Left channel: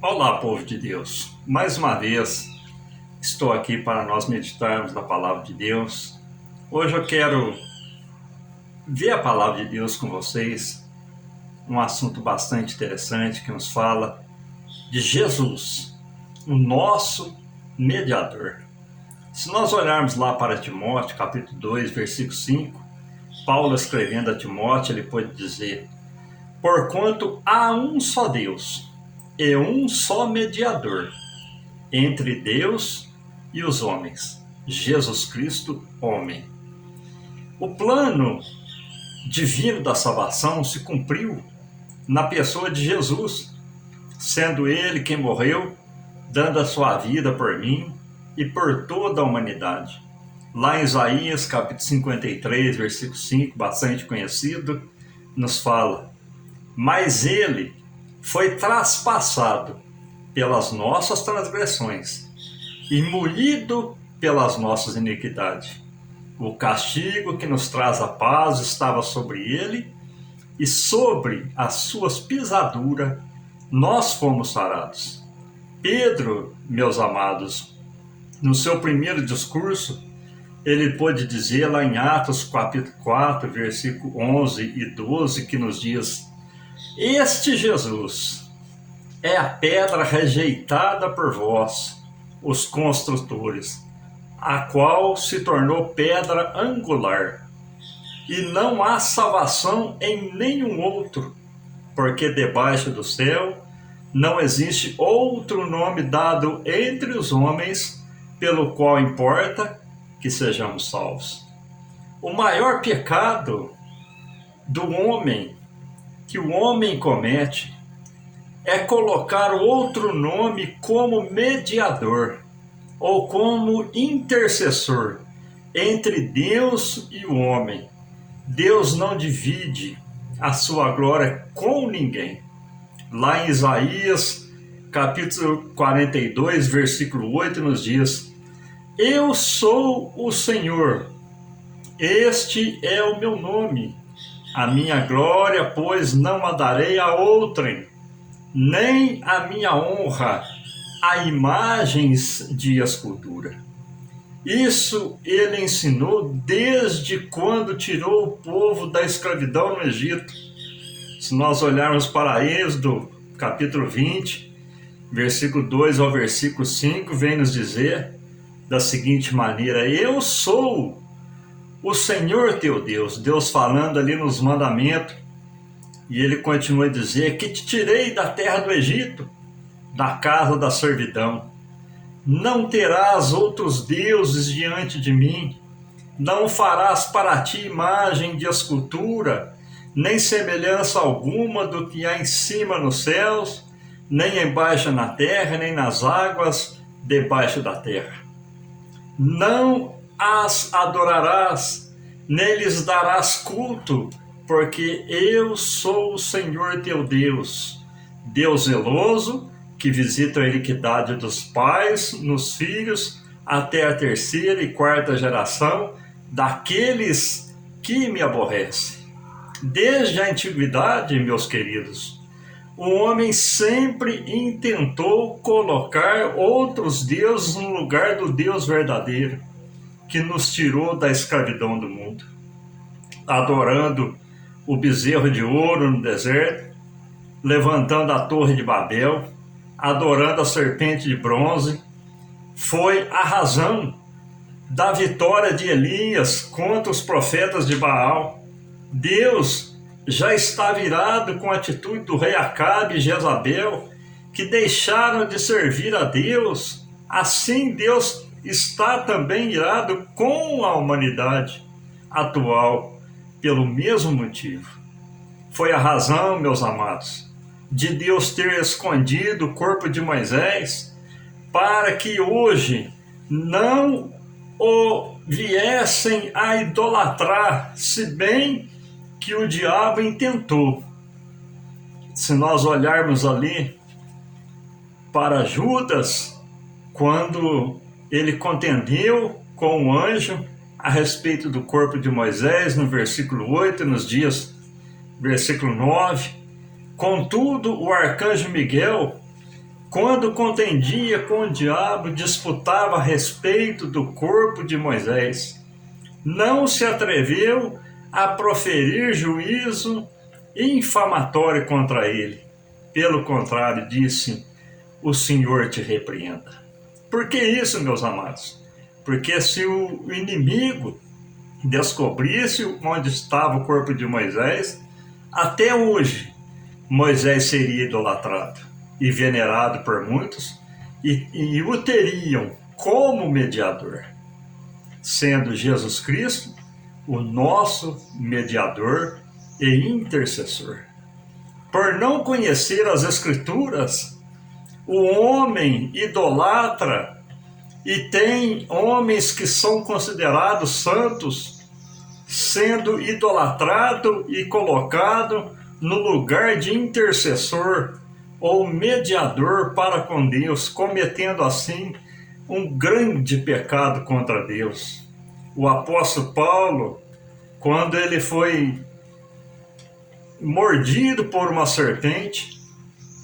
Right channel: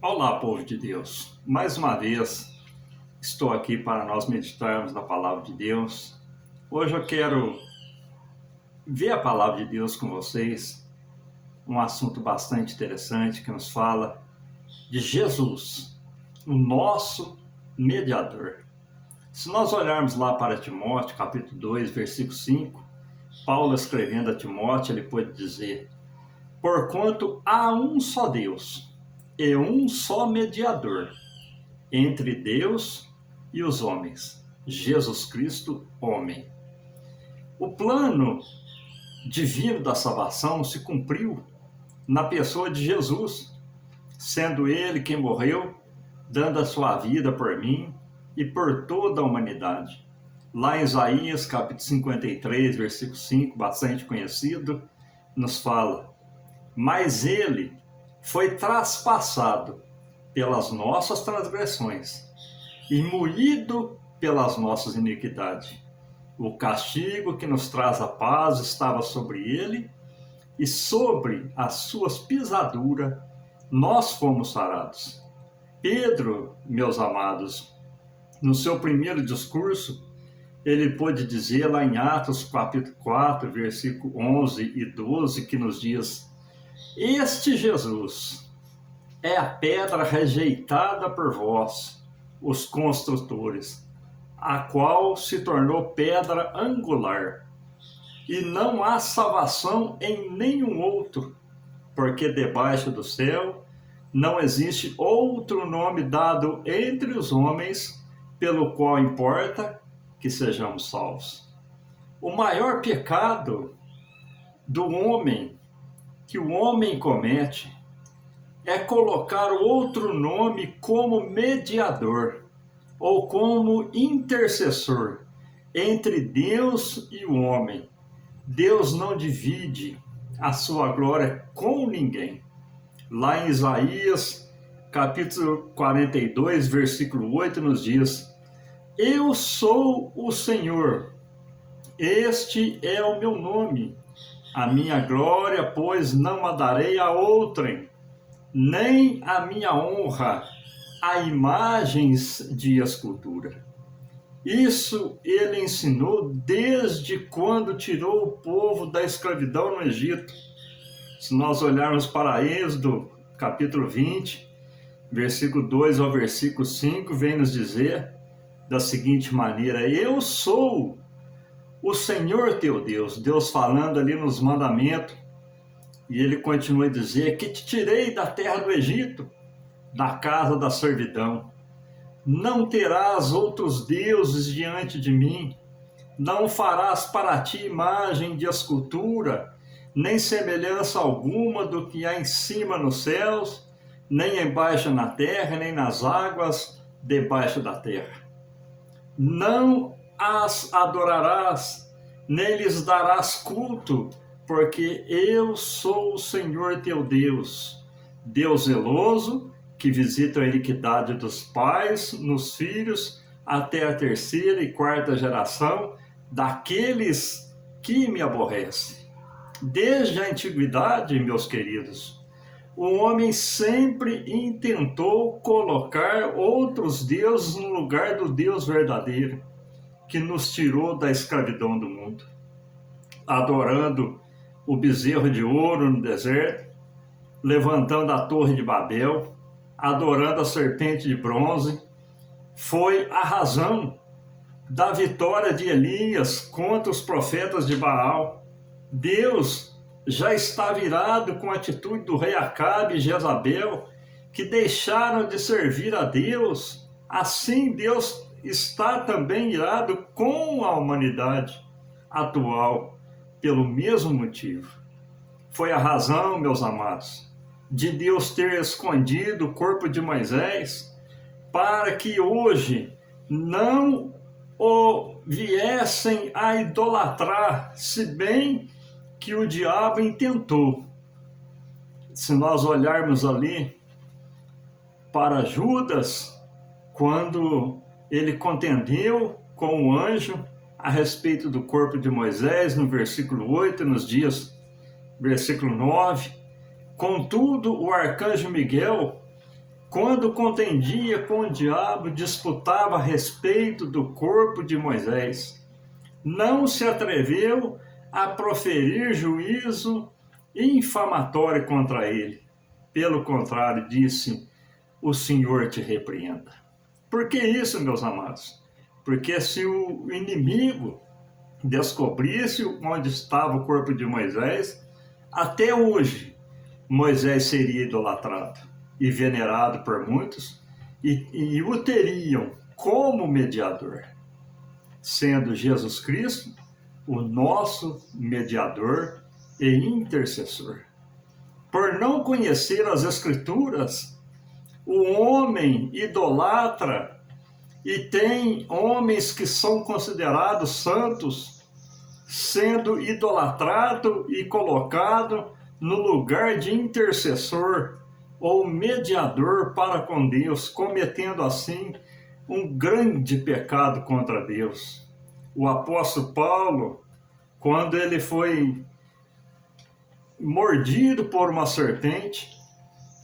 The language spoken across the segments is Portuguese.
Olá, povo de Deus. Mais uma vez estou aqui para nós meditarmos na palavra de Deus. Hoje eu quero ver a palavra de Deus com vocês, um assunto bastante interessante que nos fala de Jesus, o nosso mediador. Se nós olharmos lá para Timóteo, capítulo 2, versículo 5, Paulo escrevendo a Timóteo, ele pode dizer: porquanto há um só Deus e um só mediador entre Deus e os homens, Jesus Cristo, homem. O plano divino da salvação se cumpriu na pessoa de Jesus, sendo ele quem morreu, dando a sua vida por mim e por toda a humanidade. Lá em Isaías, capítulo 53, versículo 5, bastante conhecido, nos fala: mas ele foi traspassado pelas nossas transgressões e moído pelas nossas iniquidades. O castigo que nos traz a paz estava sobre ele, e sobre as suas pisaduras nós fomos sarados. Pedro, meus amados, no seu primeiro discurso, ele pôde dizer lá em Atos capítulo 4, versículo 11 e 12, que nos diz: este Jesus é a pedra rejeitada por vós, os construtores, a qual se tornou pedra angular. E não há salvação em nenhum outro, porque debaixo do céu não existe outro nome dado entre os homens pelo qual importa que sejamos salvos. O maior pecado do homem, que o homem comete, é colocar outro nome como mediador ou como intercessor entre Deus e o homem. Deus não divide a sua glória com ninguém. Lá em Isaías, capítulo 42, versículo 8, nos diz: eu sou o Senhor, este é o meu nome. A minha glória, pois, não a darei a outrem, nem a minha honra a imagens de escultura. Isso ele ensinou desde quando tirou o povo da escravidão no Egito. Se nós olharmos para Êxodo, capítulo 20, versículo 2 ao versículo 5, vem nos dizer da seguinte maneira: eu sou o Senhor teu Deus, Deus falando ali nos mandamentos, e ele continua a dizer: que te tirei da terra do Egito, da casa da servidão. Não terás outros deuses diante de mim, não farás para ti imagem de escultura, nem semelhança alguma do que há em cima nos céus, nem embaixo na terra, nem nas águas debaixo da terra. Não as adorarás, nem lhes darás culto, porque eu sou o Senhor teu Deus, Deus zeloso, que visita a iniquidade dos pais nos filhos, até a terceira e quarta geração daqueles que me aborrecem. Desde a antiguidade, meus queridos, o homem sempre intentou colocar outros deuses no lugar do Deus verdadeiro, que nos tirou da escravidão do mundo, adorando o bezerro de ouro no deserto, levantando a torre de Babel, adorando a serpente de bronze. Foi a razão da vitória de Elias contra os profetas de Baal. Deus já está virado com a atitude do rei Acabe e Jezabel, que deixaram de servir a Deus. Assim Deus está também irado com a humanidade atual, pelo mesmo motivo. Foi a razão, meus amados, de Deus ter escondido o corpo de Moisés, para que hoje não o viessem a idolatrar, se bem que o diabo intentou. Se nós olharmos ali para Judas, quando ele contendeu com o anjo a respeito do corpo de Moisés, no versículo 8, nos dias, versículo 9, contudo, o arcanjo Miguel quando contendia com o diabo, disputava a respeito do corpo de Moisés. Não se atreveu a proferir juízo infamatório contra ele. Pelo contrário, disse: o Senhor te repreenda. Por que isso, meus amados? Porque se o inimigo descobrisse onde estava o corpo de Moisés, até hoje Moisés seria idolatrado e venerado por muitos, e o teriam como mediador, sendo Jesus Cristo o nosso mediador e intercessor. Por não conhecer as Escrituras, o homem idolatra, e tem homens que são considerados santos, sendo idolatrado e colocado no lugar de intercessor ou mediador para com Deus, cometendo assim um grande pecado contra Deus. O apóstolo Paulo, quando ele foi mordido por uma serpente,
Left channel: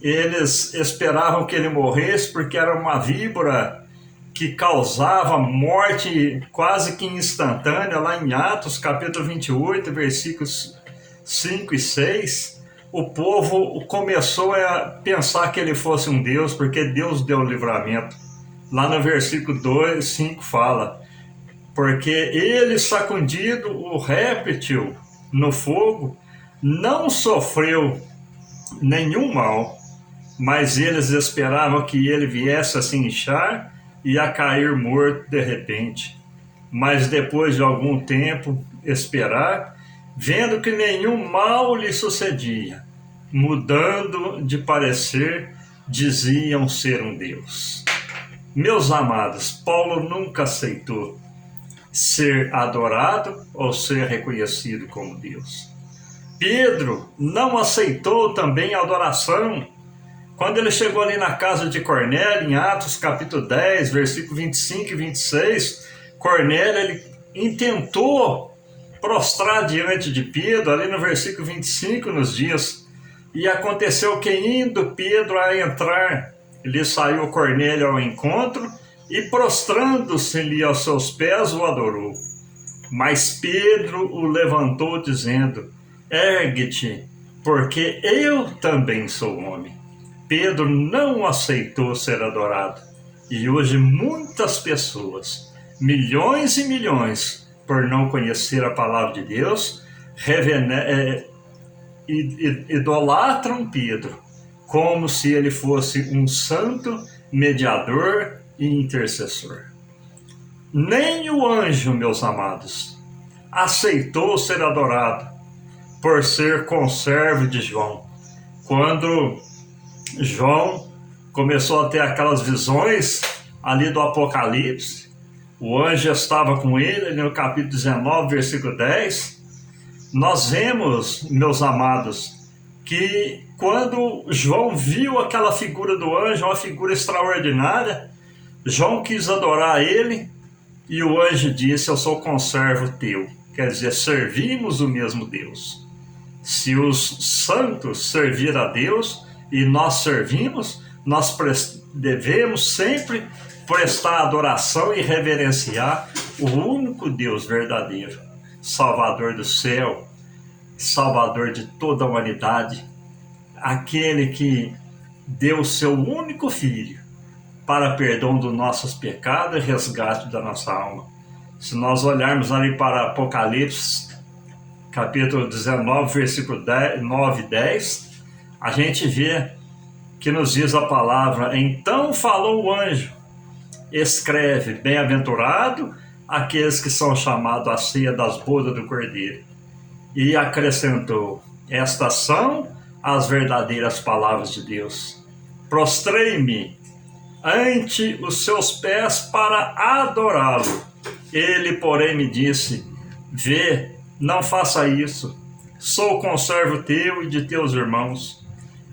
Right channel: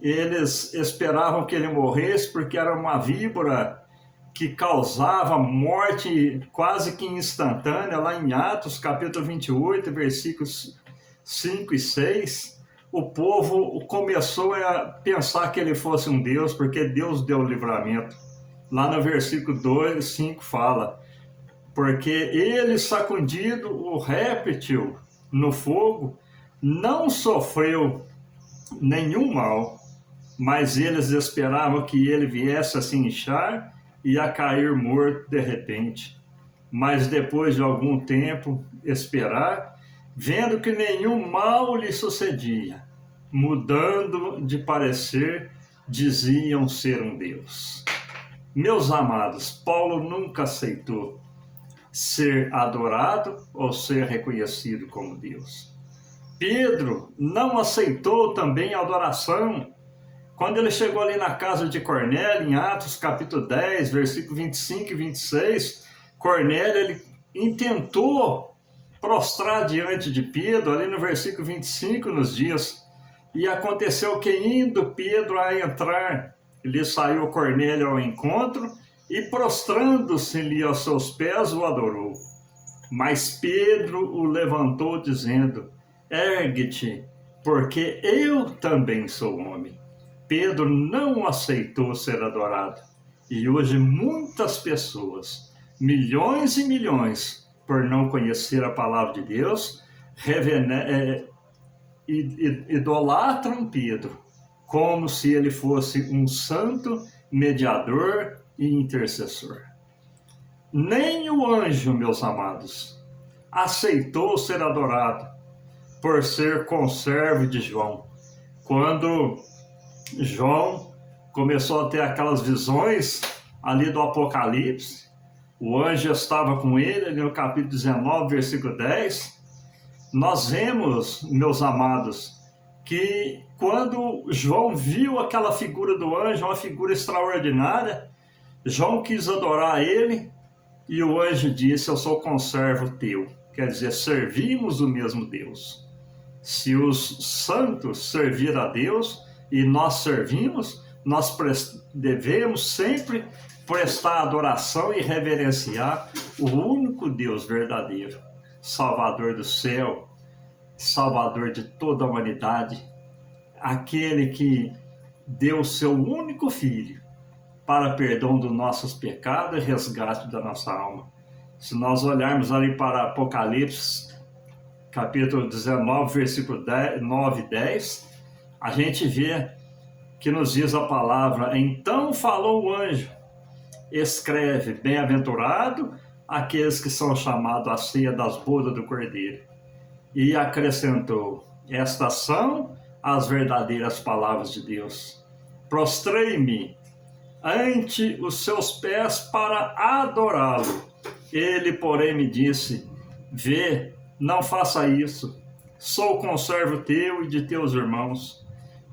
eles esperavam que ele morresse porque era uma víbora que causava morte quase que instantânea. Lá em Atos capítulo 28, versículos 5 e 6, o povo começou a pensar que ele fosse um Deus, porque Deus deu o livramento. Lá no versículo 2, 5 fala: porque ele, sacudido o réptil no fogo, não sofreu nenhum mal, mas eles esperavam que ele viesse a se inchar e a cair morto de repente. Mas depois de algum tempo esperar, vendo que nenhum mal lhe sucedia, mudando de parecer, diziam ser um Deus. Meus amados, Paulo nunca aceitou ser adorado ou ser reconhecido como Deus. Pedro não aceitou também a adoração. Quando ele chegou ali na casa de Cornélio, em Atos capítulo 10, versículo 25 e 26, Cornélio ele intentou prostrar diante de Pedro, ali no versículo 25 nos dias. E aconteceu que, indo Pedro a entrar, lhe saiu Cornélio ao encontro e, prostrando-se-lhe aos seus pés, o adorou. Mas Pedro o levantou, dizendo: ergue-te, porque eu também sou homem. Pedro não aceitou ser adorado. E hoje muitas pessoas, milhões e milhões, por não conhecer a palavra de Deus, idolatram Pedro, como se ele fosse um santo mediador e intercessor. Nem o anjo, meus amados, aceitou ser adorado por ser conservo de João. Quando João começou a ter aquelas visões ali do Apocalipse, o anjo estava com ele, ali no capítulo 19, versículo 10. Nós vemos, meus amados, que quando João viu aquela figura do anjo, uma figura extraordinária, João quis adorar ele, e o anjo disse: eu sou conservo teu. Quer dizer, servimos o mesmo Deus. Se os santos servir a Deus e nós servimos, nós devemos sempre prestar adoração e reverenciar o único Deus verdadeiro, Salvador do céu, Salvador de toda a humanidade, aquele que deu o seu único Filho para perdão dos nossos pecados e resgate da nossa alma. Se nós olharmos ali para Apocalipse, capítulo 19, versículo 9 e 10, a gente vê que nos diz a palavra: então falou o anjo, escreve, bem-aventurado aqueles que são chamados à ceia das bodas do Cordeiro. E acrescentou: estas são as verdadeiras palavras de Deus. Prostrei-me ante os seus pés para adorá-lo. Ele, porém, me disse: vê, não faça isso. Sou conservo teu e de teus irmãos,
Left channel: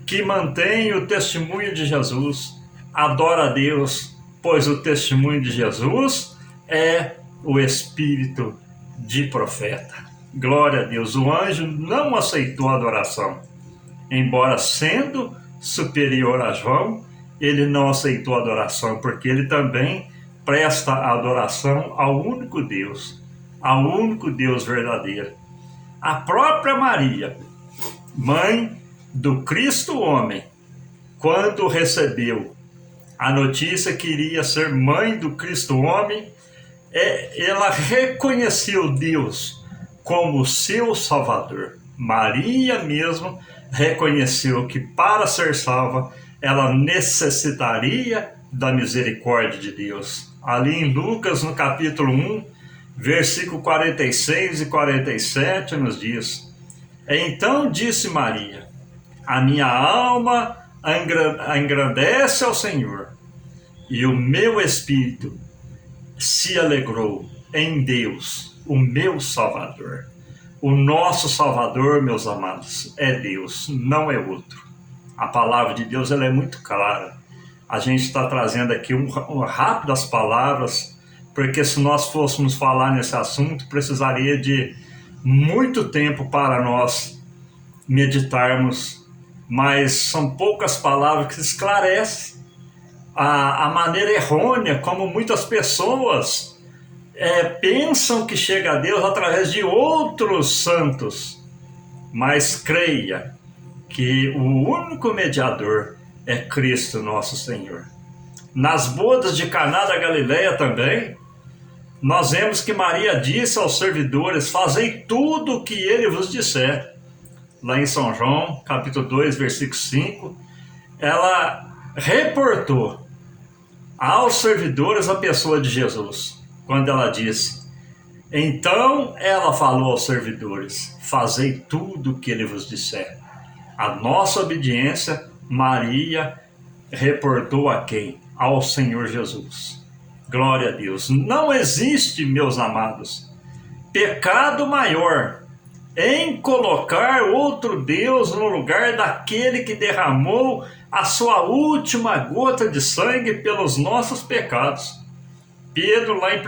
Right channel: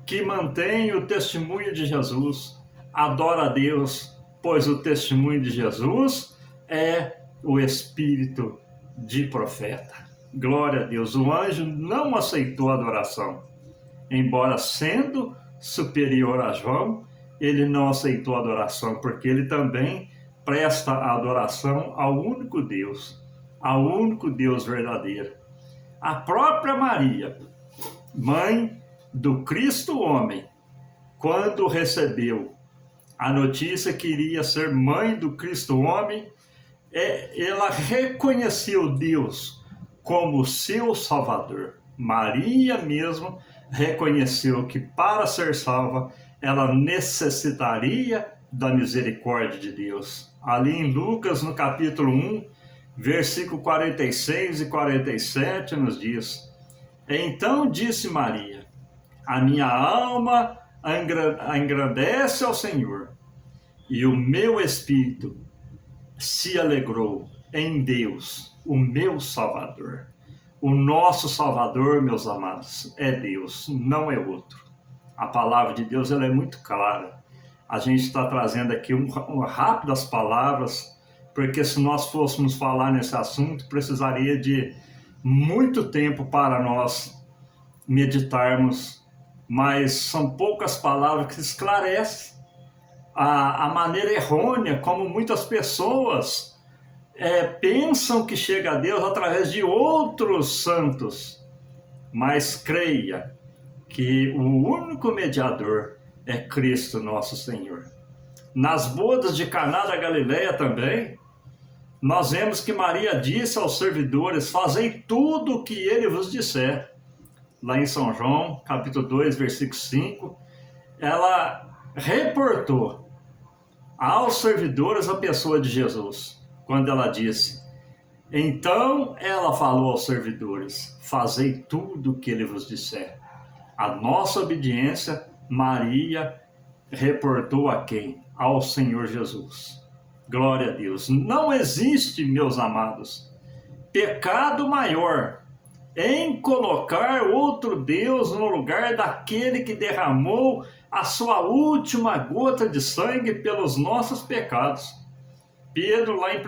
que mantém o testemunho de Jesus. Adora a Deus, pois o testemunho de Jesus é o espírito de profeta. Glória a Deus. O anjo não aceitou a adoração, embora sendo superior a João, ele não aceitou a adoração, porque ele também presta a adoração ao único Deus verdadeiro. A própria Maria, mãe do Cristo homem, quando recebeu a notícia que iria ser mãe do Cristo homem, ela reconheceu Deus como seu Salvador. Maria mesmo reconheceu que para ser salva, ela necessitaria da misericórdia de Deus. Ali em Lucas, no capítulo 1, versículo 46 e 47, nos diz: Então disse Maria: A minha alma engrandece ao Senhor, e o meu espírito se alegrou em Deus, o meu Salvador. O nosso Salvador, meus amados, é Deus, não é outro. A palavra de Deus ela é muito clara. A gente está trazendo aqui rápidas palavras, porque se nós fôssemos falar nesse assunto, precisaria de muito tempo para nós meditarmos, mas são poucas palavras que esclarecem a maneira errônea como muitas pessoas pensam que chega a Deus através de outros santos. Mas creia que o único mediador é Cristo nosso Senhor. Nas bodas de Caná da Galileia também, nós vemos que Maria disse aos servidores: Fazei tudo o que ele vos disser. Lá em São João, capítulo 2, versículo 5, ela reportou aos servidores a pessoa de Jesus, quando ela disse: Então ela falou aos servidores: Fazei tudo o que ele vos disser. A nossa obediência, Maria reportou a quem? Ao Senhor Jesus. Glória a Deus. Não existe, meus amados, pecado maior em colocar outro Deus no lugar daquele que derramou a sua última gota de sangue pelos nossos pecados. Pedro, lá em 1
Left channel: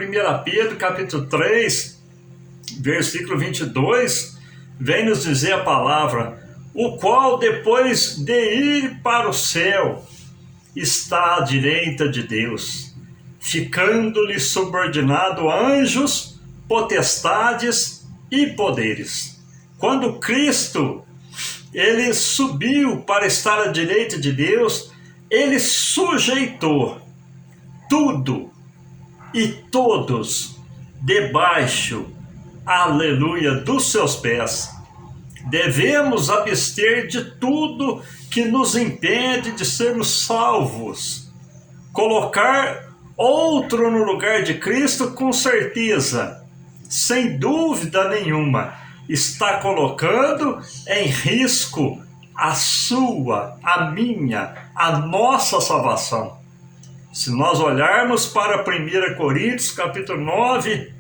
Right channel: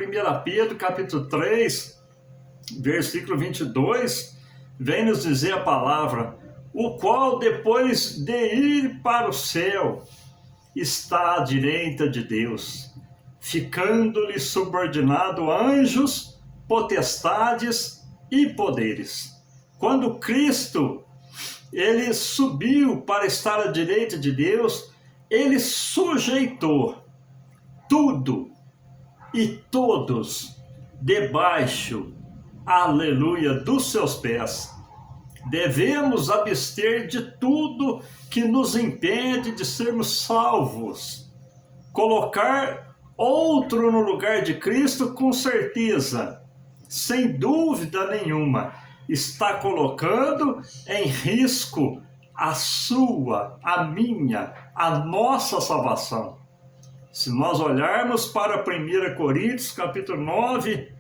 Pedro, capítulo 3, versículo 22, vem nos dizer a palavra: o qual, depois de ir para o céu, está à direita de Deus, ficando-lhe subordinado anjos, potestades e poderes. Quando Cristo ele subiu para estar à direita de Deus, ele sujeitou tudo e todos debaixo, aleluia, dos seus pés. Devemos abster de tudo que nos impede de sermos salvos. Colocar outro no lugar de Cristo, com certeza, sem dúvida nenhuma, está colocando em risco a sua, a minha, a nossa salvação. Se nós olharmos para 1 Coríntios, capítulo 9,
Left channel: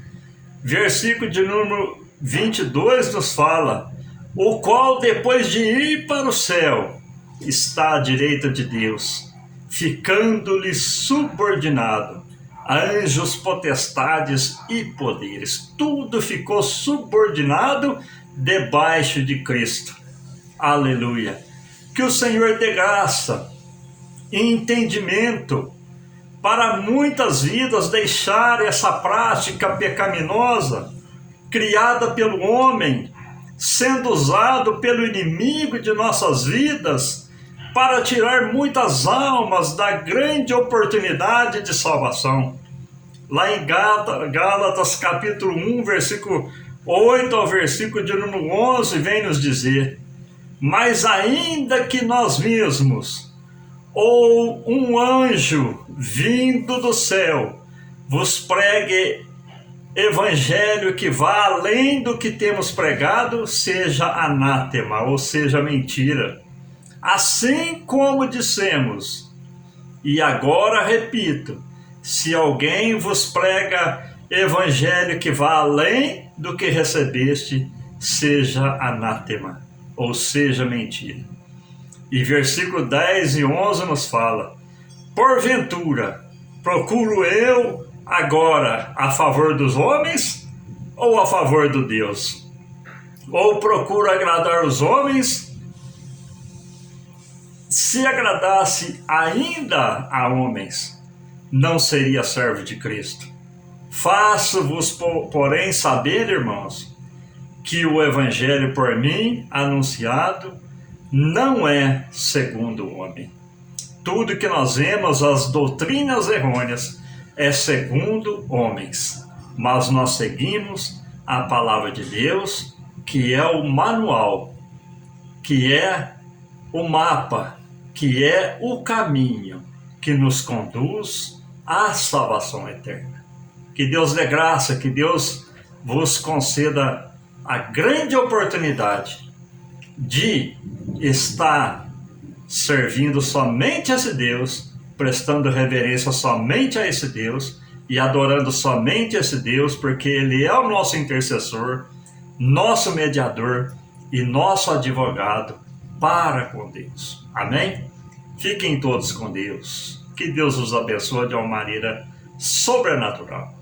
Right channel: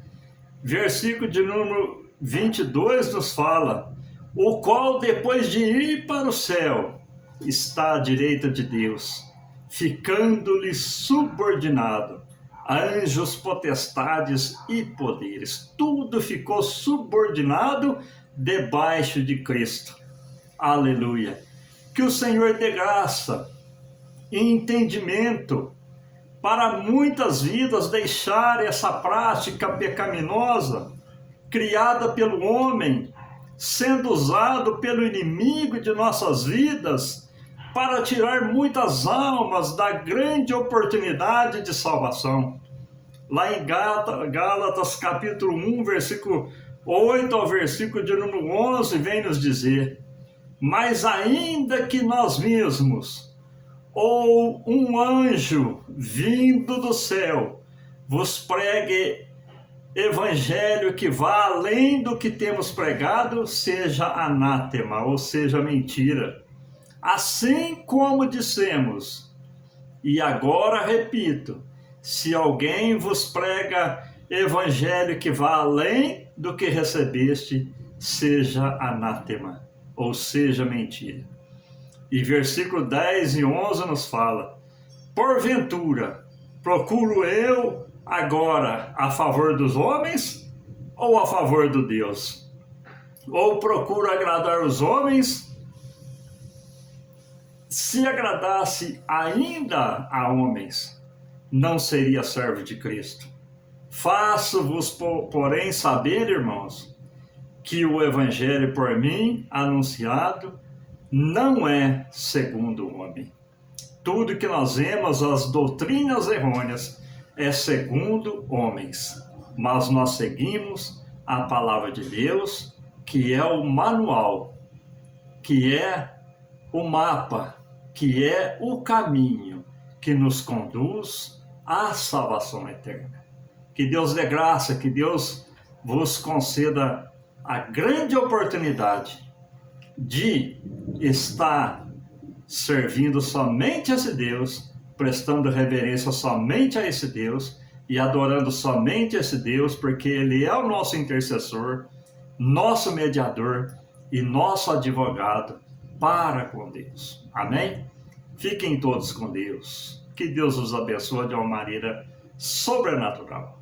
versículo de número 22, nos fala: o qual, depois de ir para o céu, está à direita de Deus, ficando-lhe subordinado anjos, potestades e poderes. Tudo ficou subordinado debaixo de Cristo. Aleluia. Que o Senhor dê graça e entendimento para muitas vidas deixar essa prática pecaminosa criada pelo homem, sendo usado pelo inimigo de nossas vidas para tirar muitas almas da grande oportunidade de salvação. Lá em Gálatas capítulo 1, versículo 8 ao versículo de número 11, vem nos dizer: mas ainda que nós mesmos, ou um anjo vindo do céu, vos pregue evangelho que vá além do que temos pregado, seja anátema, ou seja, mentira. Assim como dissemos, e agora repito, se alguém vos prega evangelho que vá além do que recebeste, seja anátema, ou seja, mentira. E versículo 10 e 11 nos fala: porventura, procuro eu agora a favor dos homens ou a favor do Deus? Ou procuro agradar os homens se agradasse ainda a homens, não seria servo de Cristo. Faço-vos, porém, saber, irmãos, que o evangelho por mim anunciado não é segundo o homem. Tudo que nós vemos, as doutrinas errôneas, é segundo homens, mas nós seguimos a palavra de Deus, que é o manual, que é o mapa, que é o caminho que nos conduz à salvação eterna. Que Deus dê graça, que Deus vos conceda a grande oportunidade de estar servindo somente a esse Deus, prestando reverência somente a esse Deus e adorando somente esse Deus, porque Ele é o nosso intercessor, nosso mediador e nosso advogado para com Deus. Amém? Fiquem todos com Deus. Que Deus os abençoe de uma maneira sobrenatural.